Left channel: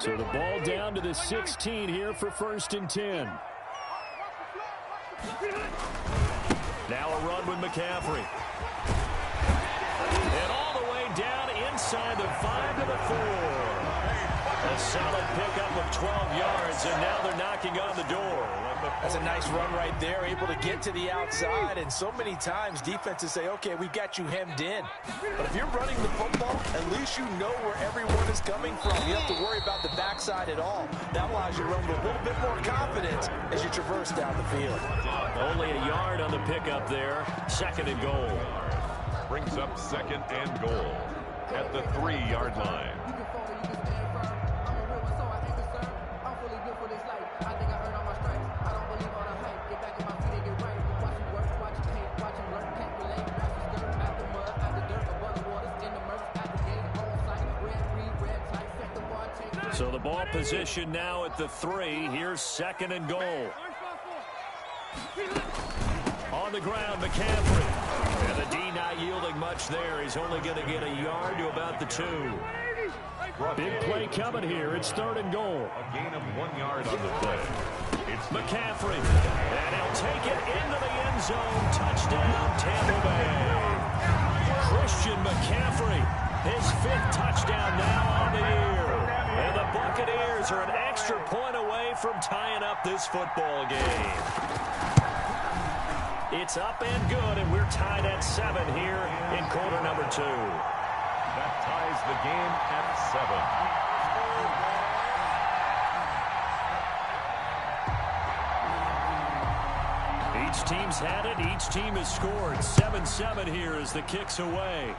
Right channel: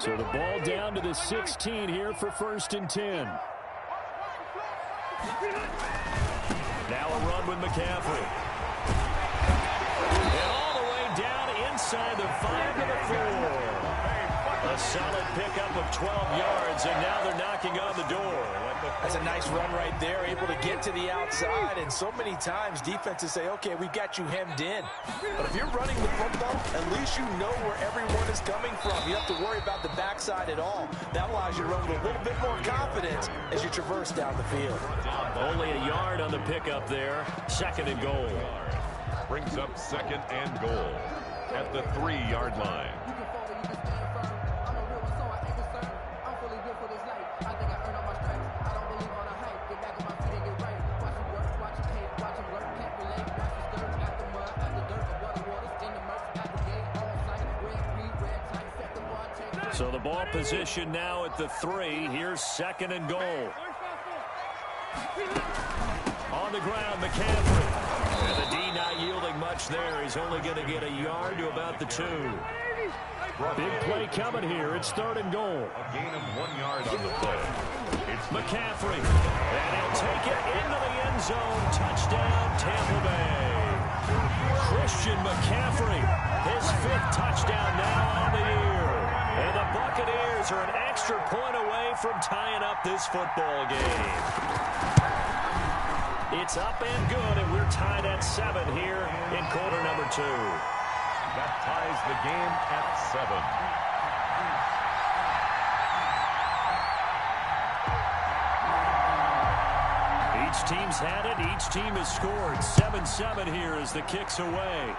So the ball down to the 16 here for 1st and 10. Now a run with McCaffrey. And all the way down inside the 5 to the 4. A solid pickup of 12 yards, and now they're knocking on the door. That's a nice run right there, able to get to the outside, and so many times defenses say, okay, we've got you hemmed in. But if you're running the football, at least you know where everyone is coming from. You don't have to worry about the backside at all. That allows you to run with a little bit more confidence as you traverse down the field. Only a yard on the pickup there. 2nd and goal. Brings up 2nd and goal at the 3-yard line. So the ball position now at the 3. Here's 2nd and goal. On the ground, McCaffrey. And the D not yielding much there. He's only going to get a yard to about the 2. Big play coming here. It's 3rd and goal. A gain of 1 yard on the play. It's McCaffrey. And he'll take it into the end zone. Touchdown, Tampa Bay. Christian McCaffrey. His 5th touchdown now on the year. And the Buccaneers are an extra point away from tying up this football game. It's up and good, and we're tied at 7 here in quarter number 2. That ties the game at 7. Each team's had it. Each team has scored. 7-7 here as the kick's away.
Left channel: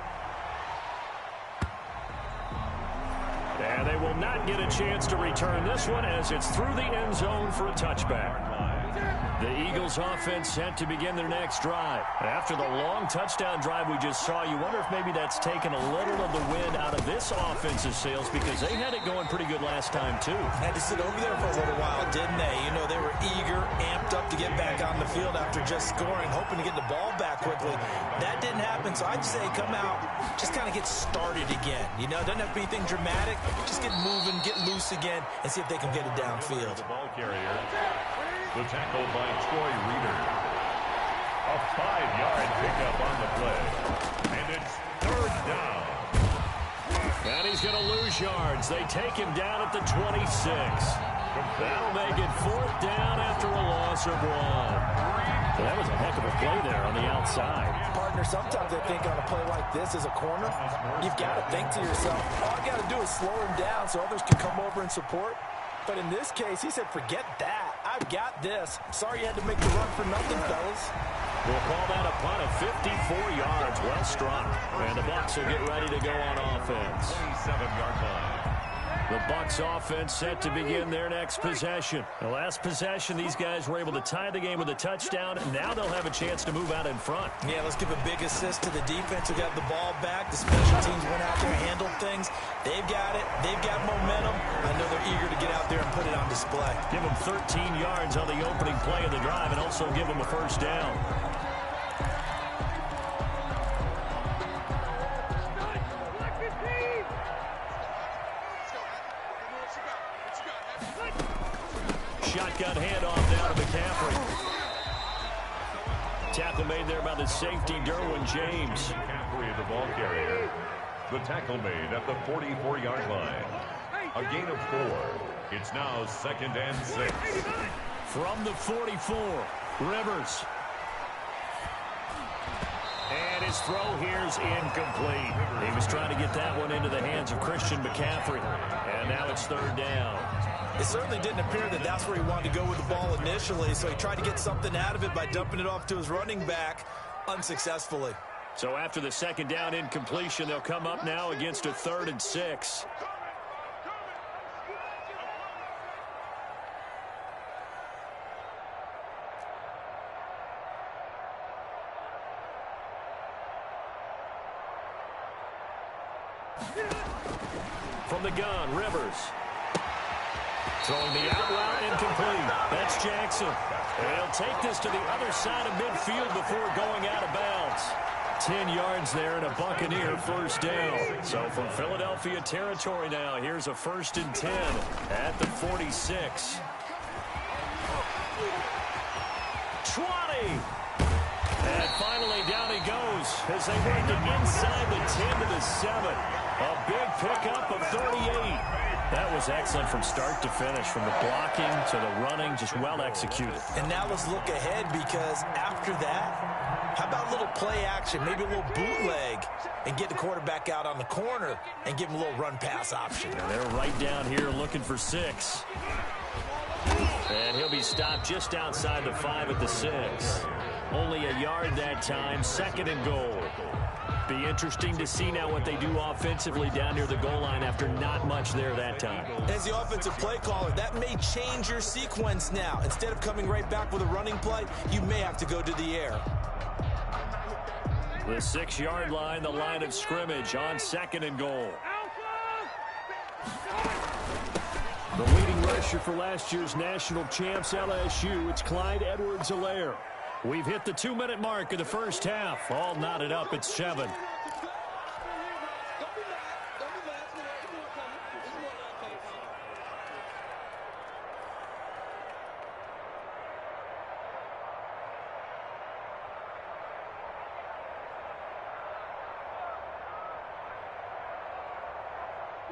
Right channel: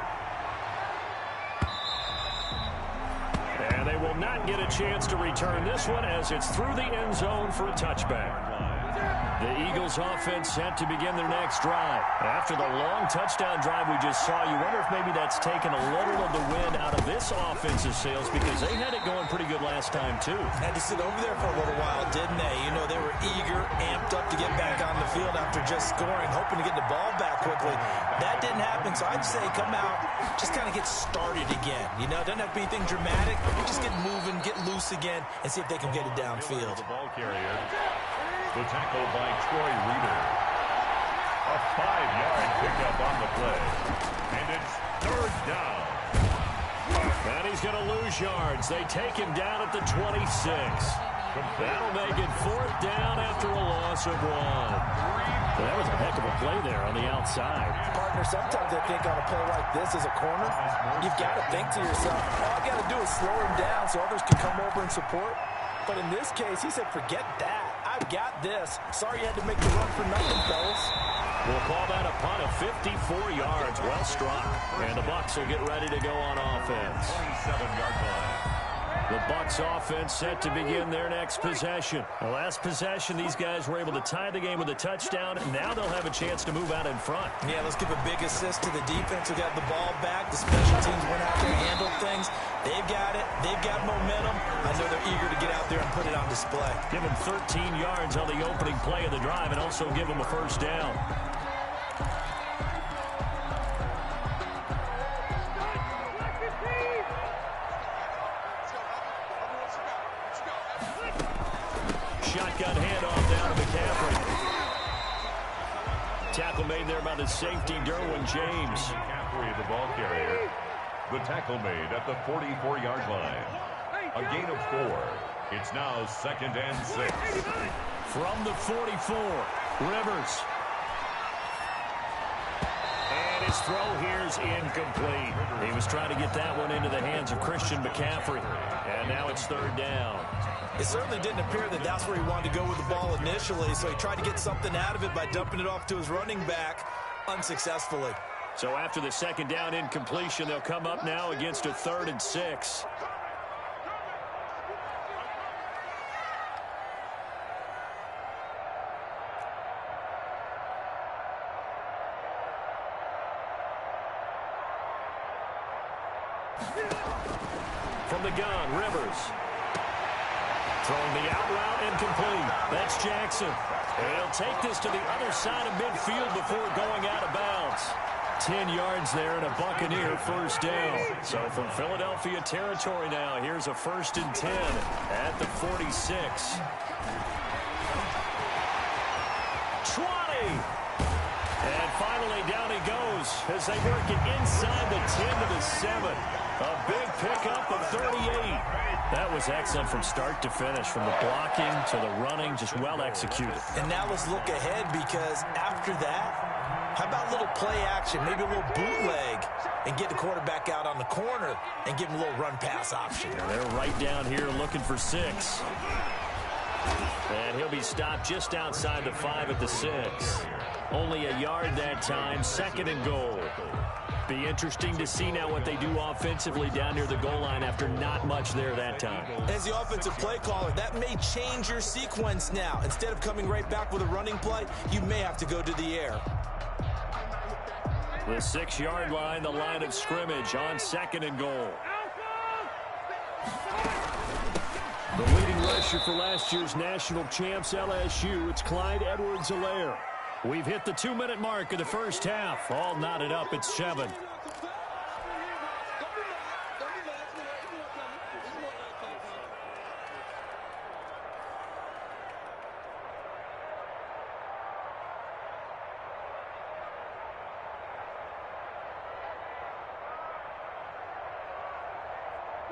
And they will not get a chance to return this one as it's through the end zone for a touchback. The Eagles offense set to begin their next drive. After the long touchdown drive we just saw, you wonder if maybe that's taken a little of the wind out of this offense's sails because they had it going pretty good last time too. Had to sit over there for a little while, didn't they? You know, they were eager, amped up to get back on the field after just scoring, hoping to get the ball back quickly. That didn't happen, so I'd say come out, just kind of get started again. You know, it doesn't have to be anything dramatic. Just get moving, get loose again, and see if they can get it downfield. The ball carrier. The tackle by Troy Reader. A 5-yard pickup on the play. And it's 3rd down. And he's going to lose yards. They take him down at the 26. That'll make it 4th down after a loss of 1. So that was a heck of a play there on the outside. Partner, sometimes I think on a play like this as a corner, you've got to think to yourself, all I got to do is slow him down so others can come over and support. But in this case, he said, forget that. I've got this. Sorry you had to make the run for nothing, fellas. We'll call that a punt of 54 yards. Well struck. And the Bucs will get ready to go on offense. 27-yard line. The Bucs offense set to begin their next possession. The last possession, these guys were able to tie the game with a touchdown, and now they'll have a chance to move out in front. Yeah, let's give a big assist to the defense who got the ball back. The special teams went out there and handled things. They've got it. They've got momentum. I know they're eager to get out there and put it on display. Give them 13 yards on the opening play of the drive and also give them a 1st down. Shotgun handoff down to McCaffrey. Tackle made there by the safety, Derwin James. McCaffrey, the ball carrier. The tackle made at the 44-yard line. A gain of 4. It's now 2nd and 6. From the 44, Rivers. And his throw here's incomplete. He was trying to get that one into the hands of Christian McCaffrey. And now it's 3rd down. It certainly didn't appear that that's where he wanted to go with the ball initially, so he tried to get something out of it by dumping it off to his running back unsuccessfully. So after the 2nd down incompletion, they'll come up now against a 3rd and 6. From the gun, Rivers. Throwing the out route incomplete. That's Jackson. And he'll take this to the other side of midfield before going out of bounds. 10 yards there and a Buccaneer first down. So from Philadelphia territory now, here's a 1st and 10 at the 46. 20. And finally down he goes as they work it inside the 10 to the 7. A big pickup of 38. That was excellent from start to finish, from the blocking to the running, just well executed. And now let's look ahead, because after that, how about a little play action, maybe a little bootleg, and get the quarterback out on the corner and give him a little run-pass option. And they're right down here looking for 6. And he'll be stopped just outside the 5 at the 6. Only a yard that time, 2nd and goal. Be interesting to see now what they do offensively down near the goal line after not much there that time. As the offensive play caller, that may change your sequence now. Instead of coming right back with a running play, you may have to go to the air. The 6-yard line, the line of scrimmage on 2nd and goal. The leading rusher for last year's national champs LSU, it's Clyde Edwards-Helaire. We've hit the 2-minute mark of the first half. All knotted up at 7.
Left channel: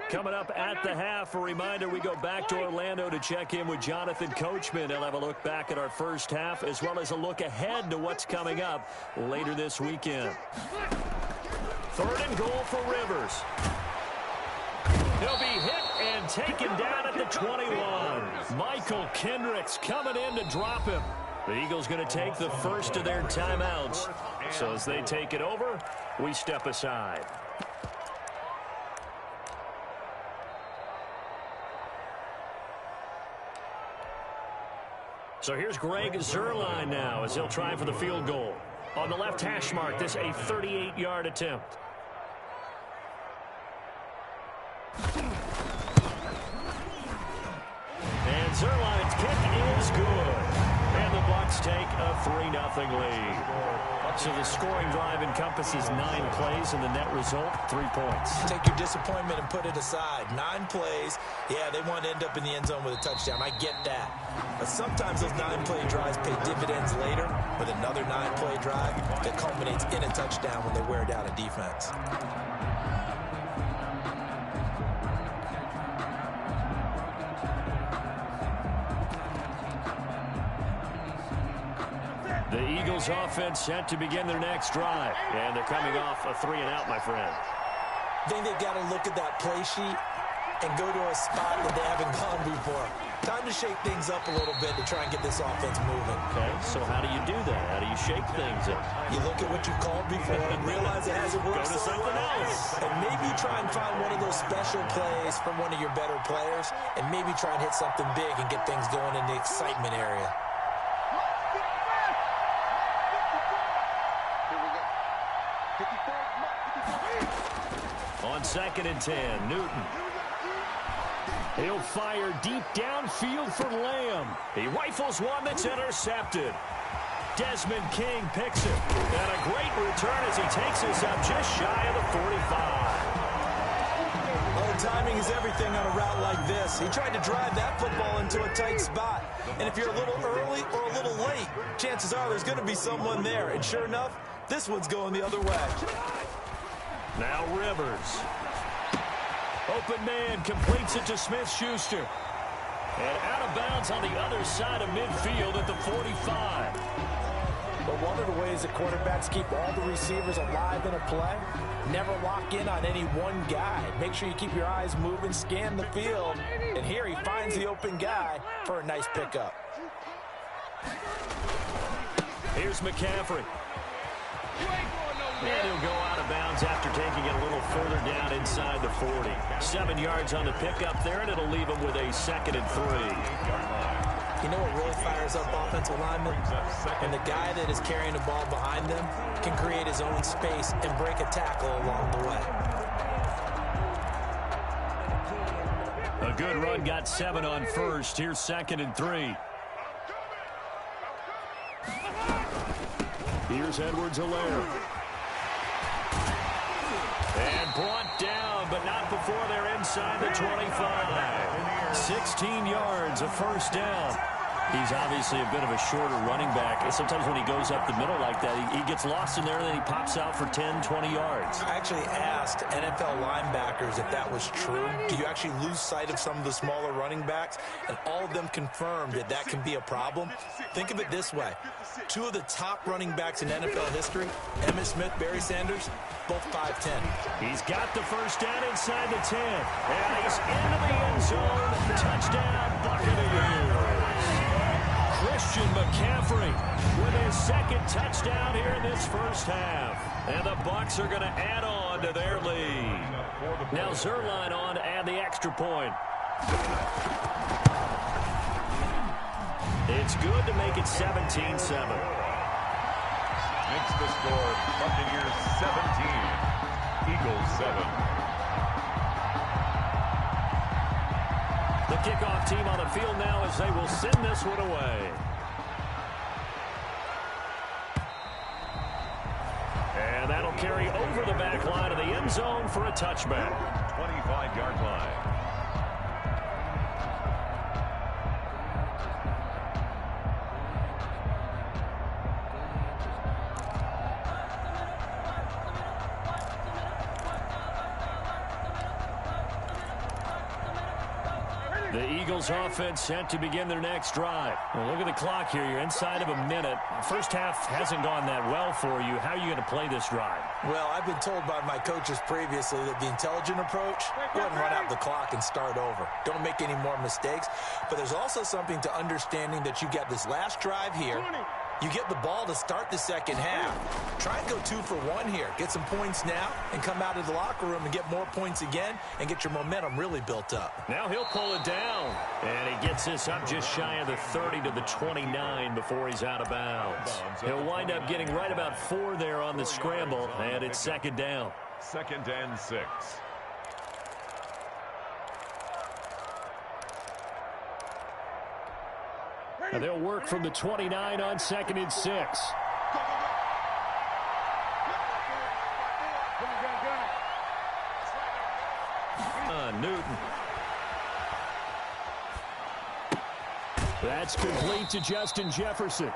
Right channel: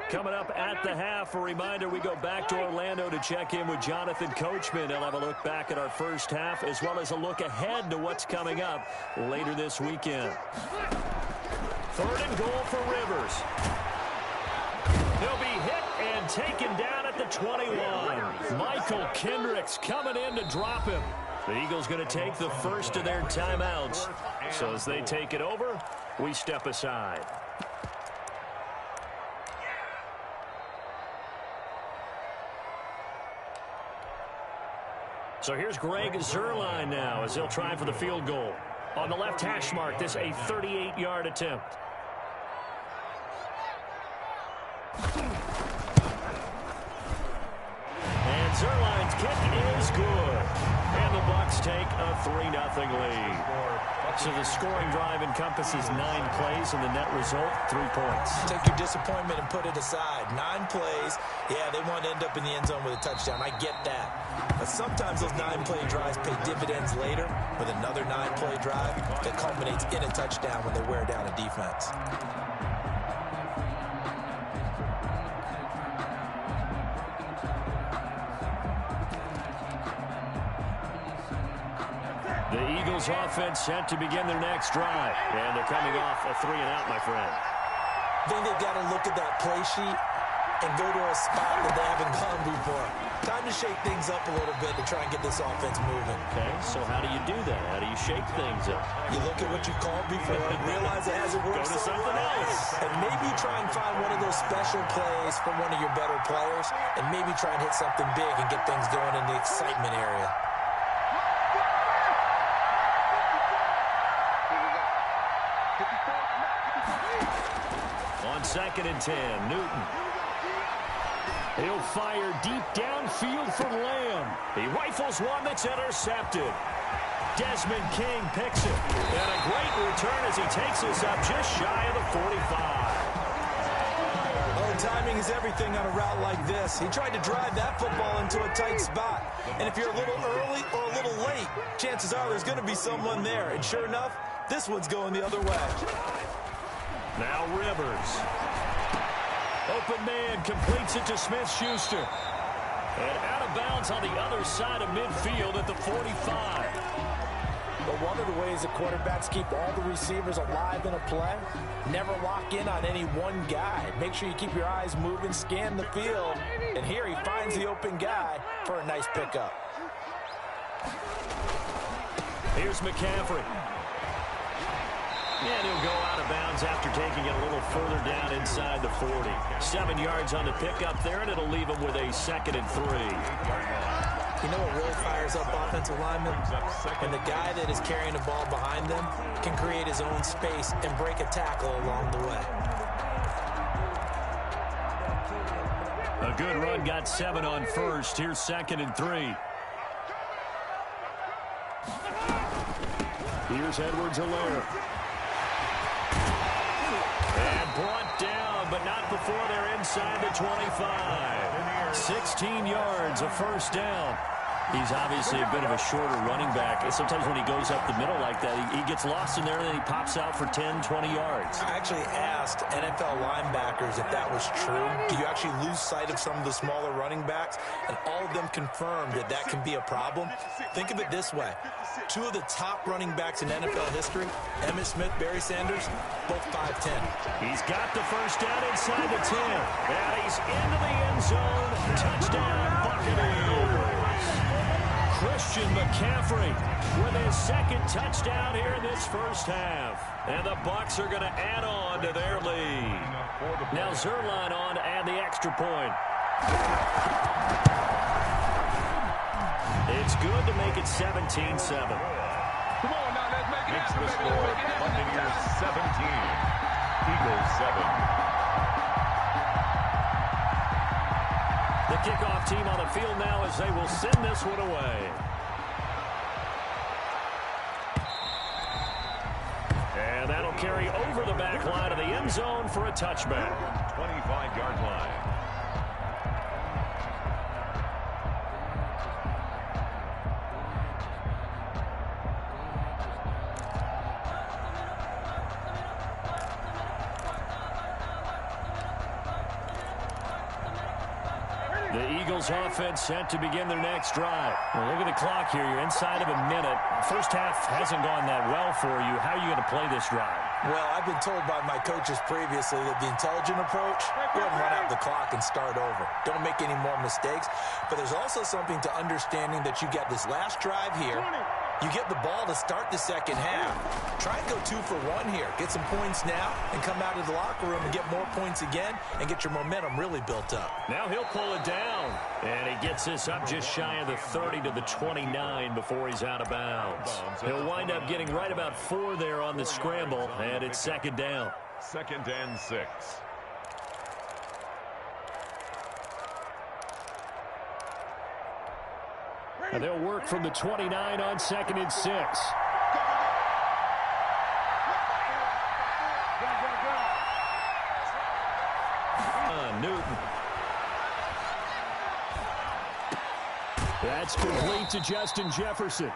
Coming up at the half, a reminder, we go back to Orlando to check in with Jonathan Coachman. He'll have a look back at our first half, as well as a look ahead to what's coming up later this weekend. 3rd and goal for Rivers. He'll be hit and taken down at the 21. Michael Kendricks coming in to drop him. The Eagles going to take the first of their timeouts. So as they take it over, we step aside. So here's Greg Zuerlein now as he'll try for the field goal. On the left hash mark, this a 38-yard attempt. And Zuerlein's kick is good. And the Bucs take a 3-0 lead. So the scoring drive encompasses 9 plays, and the net result, 3 points. Take your disappointment and put it aside. 9 plays. Yeah, they want to end up in the end zone with a touchdown. I get that. But sometimes those 9-play drives pay dividends later with another 9-play drive that culminates in a touchdown when they wear down a defense. The Eagles offense set to begin their next drive. And they're coming off a 3-and-out, my friend. I think they've got to look at that play sheet and go to a spot that they haven't gone before. Time to shake things up a little bit to try and get this offense moving. Okay, so how do you do that? How do you shake things up? You look at what you've called before and realize it hasn't worked Go to something else. And maybe try and find one of those special plays from one of your better players, and maybe try and hit something big and get things going in the excitement area. On 2nd and 10, Newton. He'll fire deep downfield for Lamb. He rifles one that's intercepted. Desmond King picks it. And a great return as he takes us up just shy of the 45. Oh, timing is everything on a route like this. He tried to drive that football into a tight spot. And if you're a little early or a little late, chances are there's going to be someone there. And sure enough, this one's going the other way. Now Rivers. Open man completes it to Smith-Schuster. And out of bounds on the other side of midfield at the 45. But one of the ways that quarterbacks keep all the receivers alive in a play, never lock in on any one guy. Make sure you keep your eyes moving, scan the field. And here he finds the open guy for a nice pickup. Here's McCaffrey. And he'll go out of bounds after taking it a little further down inside the 40. 7 yards on the pickup there, and it'll leave him with a 2nd and 3. You know what really fires up offensive linemen? When the guy that is carrying the ball behind them can create his own space and break a tackle along the way. A good run, got 7 on first. Here's 2nd and 3. Here's Edwards-Helaire. but not before they're inside the 25. 16 yards, a first down. He's obviously a bit of a shorter running back. And sometimes when he goes up the middle like that, he gets lost in there, and then he pops out for 10, 20 yards. I actually asked NFL linebackers if that was true. Do you actually lose sight of some of the smaller running backs? And all of them confirmed that that can be a problem. Think of it this way. Two of the top running backs in NFL history, Emmitt Smith, Barry Sanders, both 5'10". He's got the first down inside the 10. And he's into the end zone. Touchdown, Buccaneers. Christian McCaffrey with his second touchdown here in this first half. And the Bucs are going to add on to their lead. Now Zerline on to add the extra point. It's good to make it 17-7. Makes the score Buccaneers 17, Eagles 7. The kickoff team on the field now as they will send this one away. And that'll carry over the back line of the end zone for a touchback. 25-yard line. The Eagles offense set to begin their next drive. Well, look at the clock here. You're inside of a minute. First half hasn't gone that well for you. How are you going to play this drive? Well, I've been told by my coaches previously that the intelligent approach, go ahead and run out the clock and start over. Don't make any more mistakes. But there's also something to understanding that you get this last drive here. You get the ball to start the second half. Try and go 2 for 1 here. Get some points now and come out of the locker room and get more points again and get your momentum really built up. Now he'll pull it down. And he gets this up just shy of the 30 to the 29 before he's out of bounds. He'll wind up getting right about 4 there on the scramble, and it's second down. 2nd and 6. And they'll work from the 29 on 2nd and 6. Newton. That's complete to Justin Jefferson.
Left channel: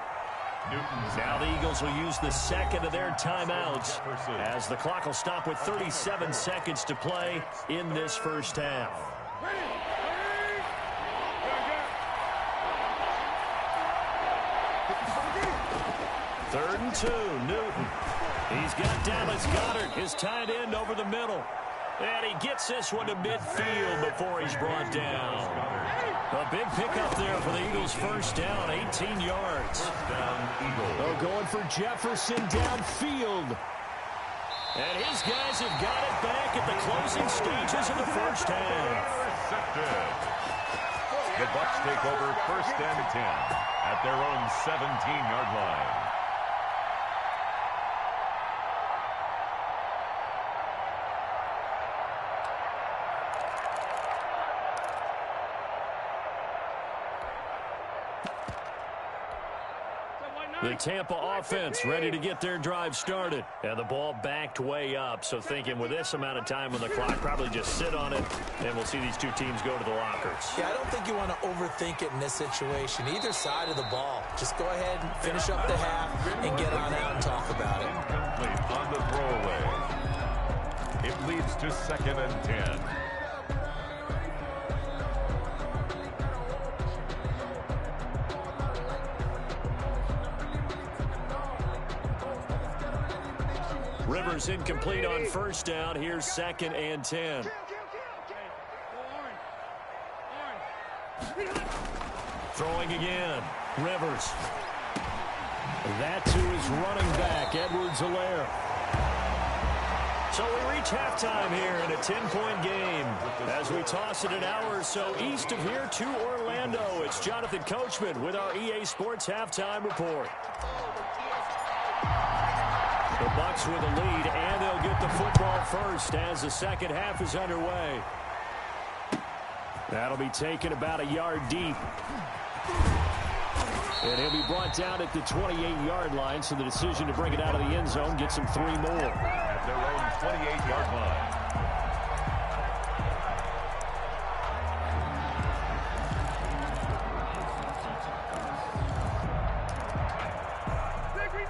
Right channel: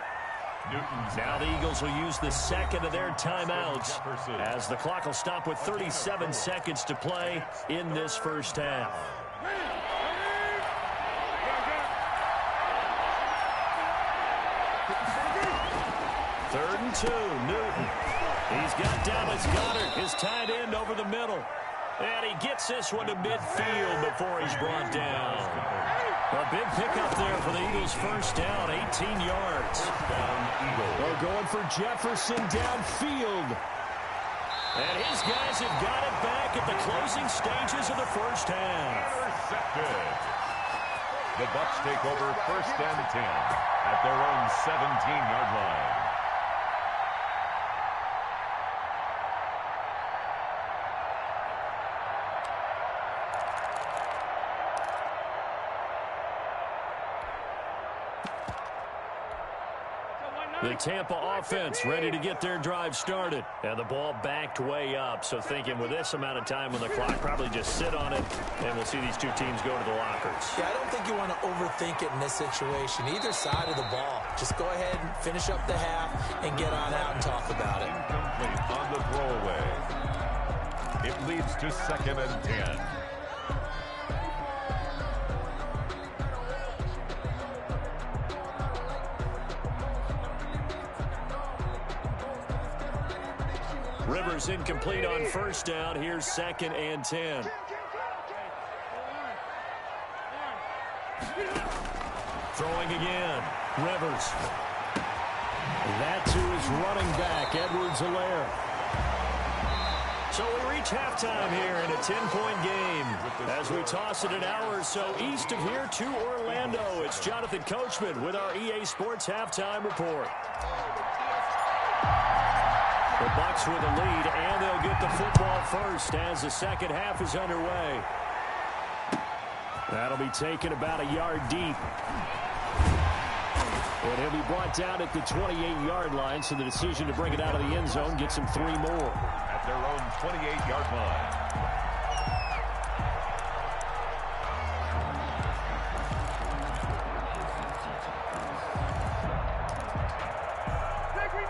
Now the Eagles will use the second of their timeouts as the clock will stop with 37 seconds to play in this first half. Third and 2, Newton. He's got Dallas Goedert, his tight end, over the middle. And he gets this one to midfield before he's brought down. A big pickup there for the Eagles' first down, 18 yards. They're going for Jefferson downfield. And his guys have got it back at the closing stages of the first half. Intercepted. The Bucs take over 1st and 10 at their own 17-yard line. The Tampa offense ready to get their drive started. And the ball backed way up. So thinking with this amount of time on the clock, probably just sit on it, and we'll see these two teams go to the lockers. Yeah, I don't think you want to overthink it in this situation. Either side of the ball. Just go ahead and finish up the half and get on out and talk about it. Incomplete on the throwaway. It leads to 2nd and 10. Rivers incomplete on first down. Here's 2nd and 10. Throwing again. Rivers. That to his running back, Edwards-Helaire. So we reach halftime here in a 10-point game. As we toss it an hour or so east of here to Orlando, it's Jonathan Coachman with our EA Sports Halftime Report. The Bucs with a lead, and they'll get the football first as the second half is underway. That'll be taken about a yard deep. And he'll be brought down at the 28-yard line, so the decision to bring it out of the end zone gets him 3 more. At their own 28-yard line.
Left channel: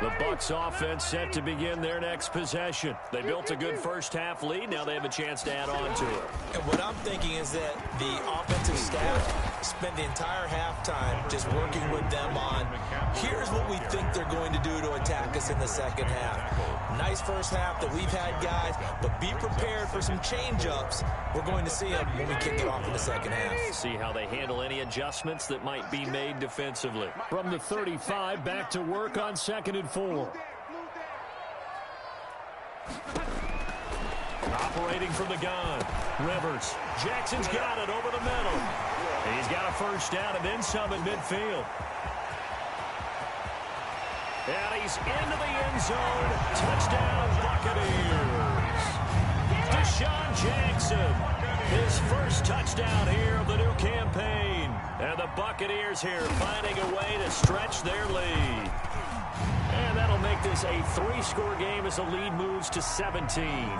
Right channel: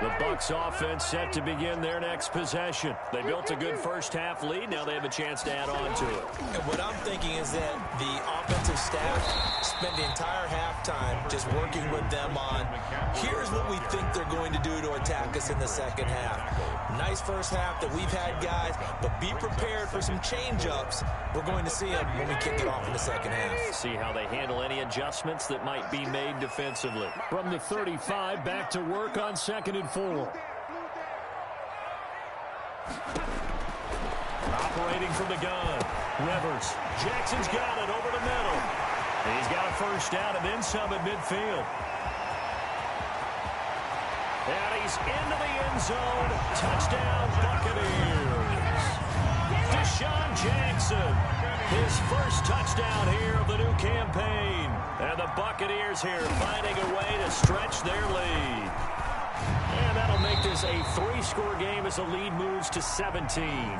The Bucs offense set to begin their next possession. They built a good first-half lead. Now they have a chance to add on to it. And what I'm thinking is that the offensive staff spent the entire halftime just working with them on, here's what we think they're going to do to attack us in the second half. Nice first half that we've had, guys, but be prepared for some change-ups. We're going to see them when we kick it off in the second half. See how they handle any adjustments that might be made defensively. From the 35, back to work on 2nd and 4. Operating from the gun. Rivers. Jackson's got it over the middle. He's got a first down and then some at midfield. And he's into the end zone. Touchdown, Buccaneers. Deshaun Jackson. His first touchdown here of the new campaign. And the Buccaneers here finding a way to stretch their lead. And that'll make this a 3-score game as the lead moves to 17.